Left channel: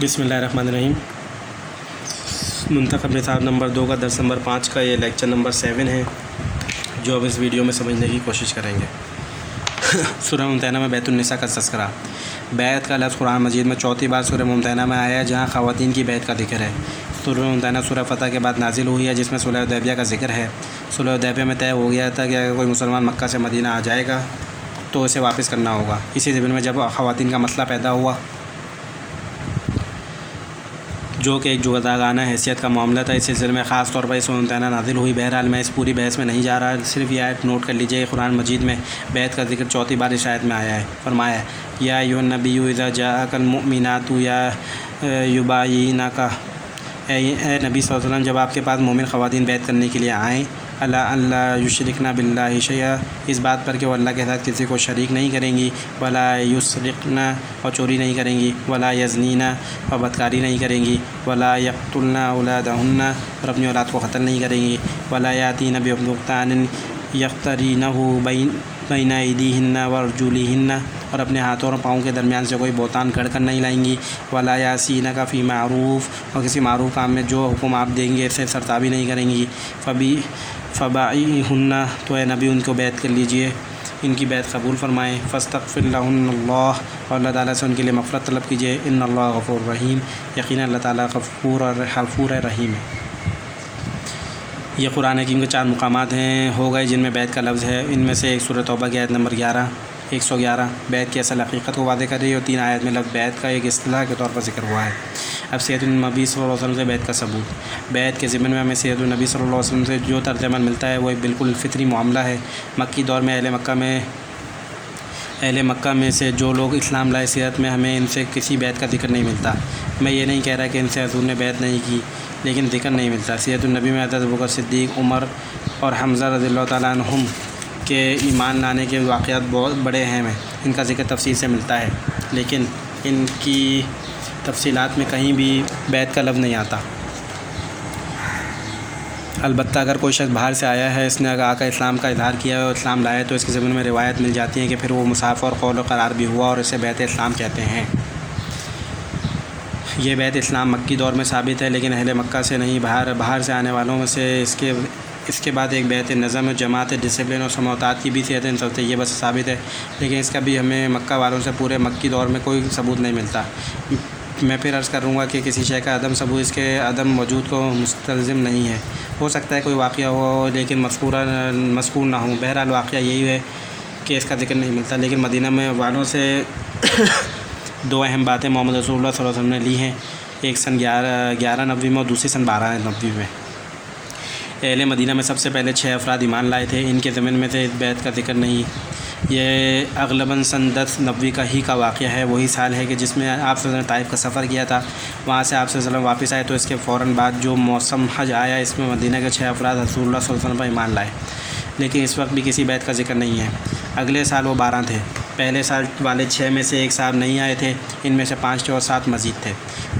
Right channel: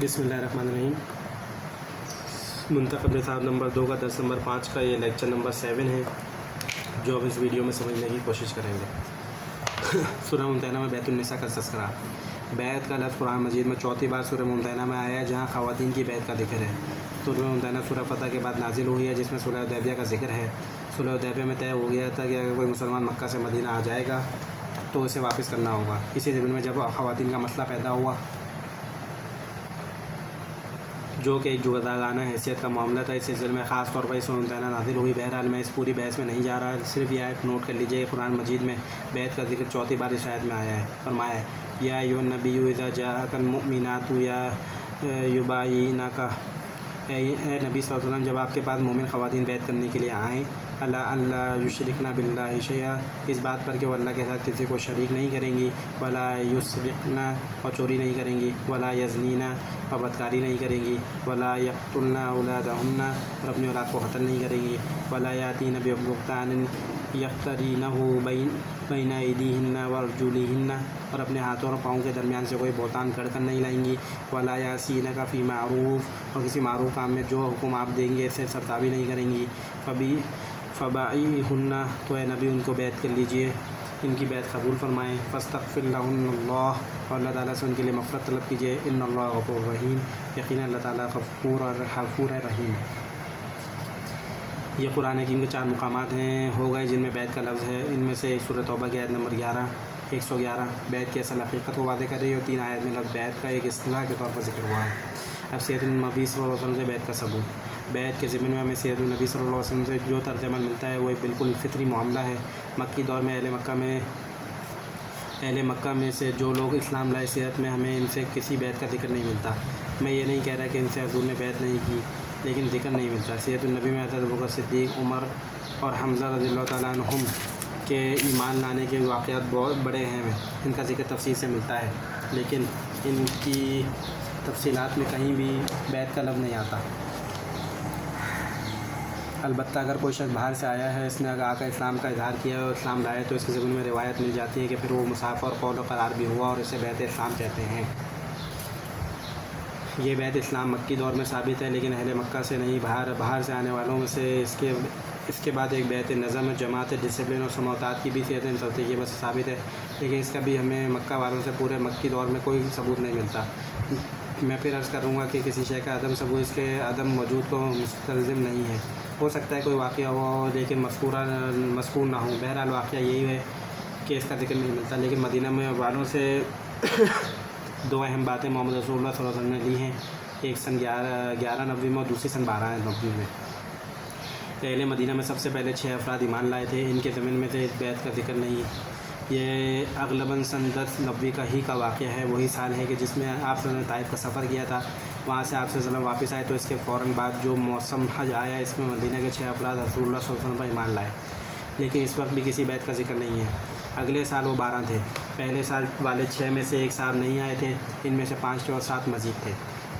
بسم اللہ الرحمن الرحیم۔ منتخب نصاب نمبر 2 کا درس نمبر 5 کا یہ لیکچر نمبر 7 ہے جو اب اس ویڈیو میں سمجھنے کی کوشش کریں گے۔ سورہ ممتحنہ میں بیت النساء کا تذکرہ۔ بیت کا لفظ قرآن مجید میں چوتھی بار سورہ ممتحنہ میں آیا ہے جہاں خواتین کی بیت کا ذکر ہے۔ سورہ ممتحنہ سورہ فتح کے بعد نازل ہوئی ہے جس میں صلح حدیبیہ کا ذکر ہے۔ صلح حدیبیہ میں طے ہو گیا تھا کہ اگر کوئی مسلمان مکہ سے مدینہ آ جائے گا تو اسے واپس کرنا ہوگا۔ اسی ضمن میں جب خواتین کا مسئلہ پیدا ہوا جو کہ ایک جداگانہ حیثیت کا معاملہ تھا، اس سلسلے میں خاص طور پر اس ممتحنہ نازل ہوئی۔ بہرحال میں اس پوری بحث میں نہیں جا رہا، صرف یہ آیت نوٹ کر لیجئے۔ قرآن مجید میں بیت کا ذکر چوتھی بار اس آیت میں آیا ہے۔ فرمایا یا ایھا النبی اذا جاءک المؤمنات یبایعنک، اے نبی صلی اللہ علیہ وسلم جب آپ کے پاس مومن خواتین بیت کرنے کے لیے آئیں، اللہ یشرکن باللہ شیئا، اس بات پر کہ وہ اللہ کے ساتھ کسی کو شریک نہیں کریں گی، ولا یسرقن، اور چوری نہیں کریں گی، ولا یزنین، اور بدکاری نہیں کریں گی، ولا یقتلن اولادہن، اور اپنی اولاد کو قتل نہیں کریں گی، ولا یاتین ببہتان یفترینہ بین ایدیہن وارجلہن، اور اپنے ہاتھوں اور پاؤں کے درمیان سے کوئی بہتان گھڑ کر نہیں لائیں گی، ولا یعصینک فی معروف، اور کسی معروف کام میں جو حکم آپ دیں گے اسے سرتابی نہیں کریں گی، فبایعہن، تو اے نبی ان کو بیعت کر لیجئے، ان کی بیعت قبول فرمائیں، فاستغفر لہن اللہ، اور اللہ تعالیٰ سے ان کے لیے مغفرت طلب کیجئے، ان اللہ غفور رحیم، یقینا اللہ تعالیٰ غفور رحیم ہے۔ یہ قرآن حکیم کے 4 مقامات ہو گئے جن میں بیت کا لفظ ہے۔ ان میں سے ایک سورہ توبہ کی آیت نمبر 111 بیت کی اصل حقیقت کو واضح کر رہی ہے، اور 3 آیت میں لفظ بیت کا ایک اصطلاح کے طور پر ذکر ہوا ہے۔ اب سیرت النبی صلی اللہ علیہ وسلم سے بیت کا ثبوت۔ بیت کے ضمن میں ہمیں سیرت النبی صلی اللہ علیہ وسلم سے جو ترجمہ ملتا ہے وہ ایک بالکل فطری معاملہ ہے۔ مکی دور میں اہل مکہ میں سے جو لوگ اسلام لائے، سیرت میں ہمیں ان سے کسی بیت کا ذکر نہیں ملتا۔ میں یہ نہیں کہہ رہا کہ ان سے حضور نے بیت نہیں کی، لیکن ذکر نہیں ملتا۔ سیرت النبی میں حضرت ابوبکر صدیق، عمر اور حمزہ رضی اللہ تعالیٰ عنہم کے ایمان لانے کے واقعات بہت بڑے اہم ہیں، ان کا ذکر تفصیل سے ملتا ہے، لیکن ان کی تفصیلات میں کہیں بھی بیت کا لفظ نہیں آتا۔ البتہ اگر کوئی شخص باہر سے آیا ہے، اس نے آ کر اسلام کا اظہار کیا ہے اور اسلام لایا، تو اس کے ضمن میں روایت مل جاتی ہے کہ پھر وہ مسافر اور قول و قرار بھی ہوا، اور اسے بیت اسلام کہتے ہیں۔ یہ بیت اسلام مکی دور میں ثابت ہے، لیکن اہل مکہ سے نہیں، باہر سے آنے والوں میں سے اس کے بعد ایک بیت نظم، جماعت، ڈسپلن اور سماعت کی بھی سیرت طیبہ سے ثابت ہے، لیکن اس کا بھی ہمیں مکہ والوں سے پورے مکی دور میں کوئی ثبوت نہیں ملتا۔ میں پھر عرض کروں گا کہ کسی شے کا عدم ثبوت اس کے عدم وجود کو مستلزم نہیں ہے۔ ہو سکتا ہے کوئی واقعہ ہوا ہو لیکن مذکور نہ ہو۔ بہرحال واقعہ یہی ہے کہ اس کا ذکر نہیں ملتا، لیکن مدینہ میں والوں سے 2 اہم باتیں محمد رسول اللہ صلی اللہ علیہ وسلم نے لی ہیں، ایک سن 1190 میں اور دوسری سن 1290 میں۔ اہل مدینہ میں سب سے پہلے 6 افراد ایمان لائے تھے، ان کے ضمن میں سے اس بیت کا ذکر نہیں۔ یہ اغلباً سن 1090 کا واقعہ ہے، وہی سال ہے کہ جس میں آپ صلی اللہ علیہ وسلم نے طائف کا سفر کیا تھا۔ وہاں سے آپ صلی اللہ علیہ وسلم واپس آئے تو اس کے فوراً بعد جو موسم حج آیا، اس میں مدینہ کے 6 افراد رسول اللہ صلی اللہ علیہ وسلم پر ایمان لائے، لیکن اس وقت بھی کسی بیت کا ذکر نہیں ہے۔ اگلے سال وہ 12 تھے۔ پہلے سال والے 6 میں سے ایک صاحب نہیں آئے تھے، ان میں سے 5 تھے اور 7 مزید تھے۔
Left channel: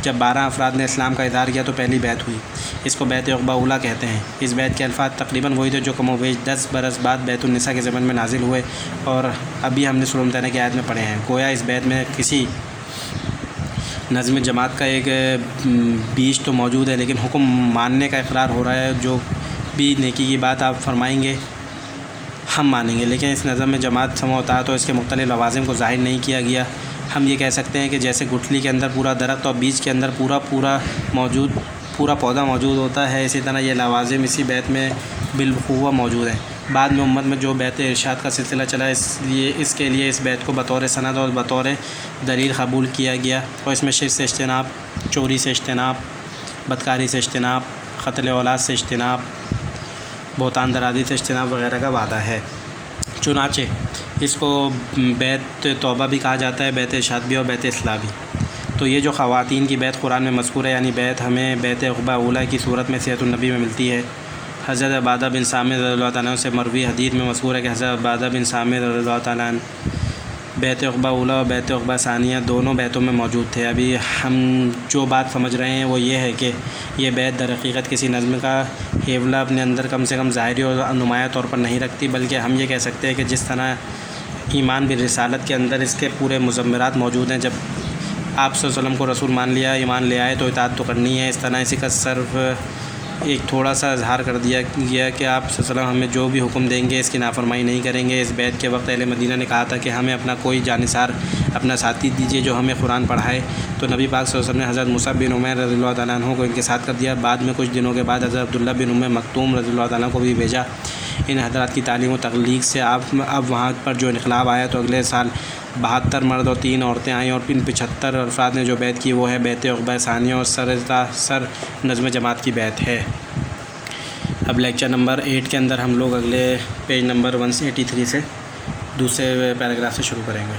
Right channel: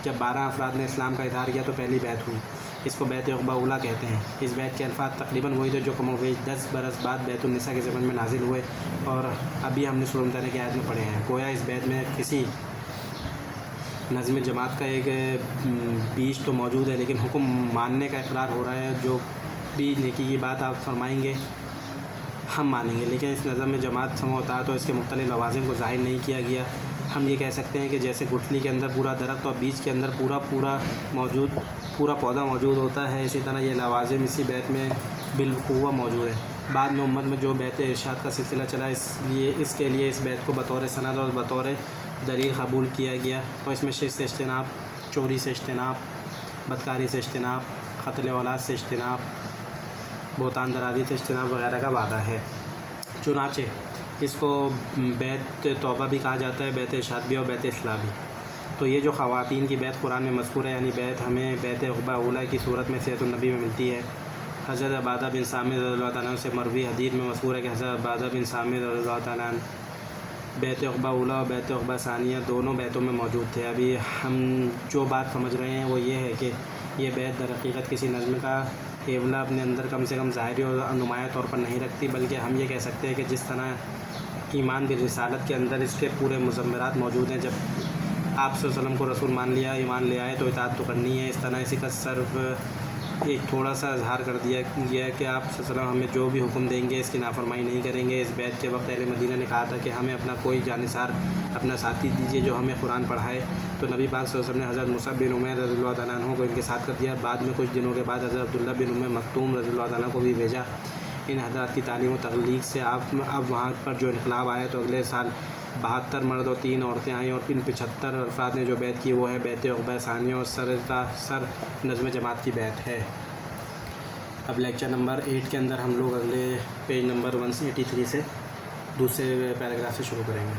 جب 12 افراد نے اسلام کا اظہار کیا تو پہلی بیت ہوئی، اس کو بیت عقبہ اولیٰ کہتے ہیں۔ اس بیت کے الفاظ تقریباً وہی تھے جو کم و بیش 10 برس بعد بیت النساء کے زمن میں نازل ہوئے، اور ابھی ہم نے سورہ ممتحنہ کی آیت میں پڑھے ہیں۔ گویا اس بیت میں کسی نظم جماعت کا ایک بیج تو موجود ہے، لیکن حکم ماننے کا اقرار ہو رہا ہے۔ جو بھی نیکی کی بات آپ فرمائیں گے ہم مانیں گے، لیکن اس نظم میں جماعت سمع و اطاعت اور اس کے مختلف لوازم کو ظاہر نہیں کیا گیا۔ ہم یہ کہہ سکتے ہیں کہ جیسے گٹھلی کے اندر پورا درخت اور بیج کے اندر پورا پودا موجود ہوتا ہے، اسی طرح یہ لوازم اسی بیت میں بالقوہ موجود ہیں۔ بعد میں امت میں جو بیت ارشاد کا سلسلہ چلا، اس کے لیے اس بیت کو بطور سند اور بطور دلیل قبول کیا گیا، اور اس میں شرک سے اجتناب، چوری سے اجتناب، بدکاری سے اجتناب، قتل اولاد سے اجتناب، بہتان درازی سے اجتناب وغیرہ کا وعدہ ہے۔ چنانچہ اس کو بیت توبہ بھی کہا جاتا ہے، بیت ارشاد بھی اور بیت اصلاح بھی۔ تو یہ جو خواتین کی بیت قرآن میں مذکور ہے، یعنی بیت ہمیں بیت عقبہ اولیٰ کی صورت میں سیرت النبی میں ملتی ہے۔ حضرت عبادہ بن صامت رضی اللہ تعالیٰ عنہ سے مروی حدیث میں مذکور ہے کہ حضرت عبادہ بن صامت رضی اللہ تعالیٰ عنہ بیت عقبہ اولیٰ اور بیت عقبہ ثانیہ دونوں بیتوں میں موجود تھے۔ ابھی ہم جو بات سمجھ رہے ہیں وہ یہ ہے کہ یہ بیت در حقیقت کسی نظم کا حیولہ اپنے اندر کم سے کم ظاہری اور نمایاں طور پر نہیں رکھتی، بلکہ ہم یہ کہہ سکتے ہیں کہ جس طرح ایمان بالرسالت کے اندر اس کے پورے مضمرات موجود ہیں، جب آپ صلی اللہ علیہ وسلم کو رسول مان لیا، ایمان لے آئے تو اطاعت تو کرنی ہے۔ اس طرح اسی کا صرف ایک تھوڑا سا اظہار کر دیا گیا کہ آپ صلی اللہ علیہ وسلم ہمیں جو بھی حکم دیں گے اس کی نافرمانی نہیں کریں گے۔ اس بیعت کے وقت اہل مدینہ نے کہا تھا کہ ہمیں اپنا کوئی جانثار، اپنا ساتھی دیجیے جو ہمیں قرآن پڑھائے، تو نبی پاک صلی اللہ علیہ وسلم نے حضرت مصعب بن عمیر رضی اللہ تعالیٰ عنہ کو ان کے ساتھ کر دیا۔ بعد میں کچھ دنوں کے بعد حضرت عبداللہ بن ام مکتوم رضی اللہ تعالیٰ کو بھی بھیجا۔ ان حضرات کی تعلیم و تبلیغ سے اب وہاں پر جو انقلاب آیا تو اگلے سال 72 مرد اور 3 عورتیں آئیں، اور ان 75 افراد نے جو بیعت کی وہ ہے بیعت عقبہ ثانیہ، اور سر نظم جماعت کی بیعت ہے۔ اب لیکچر نمبر 8 کے اندر ہم لوگ اگلے پیج نمبر 183 سے دوسرے پیراگراف سے شروع کریں گے۔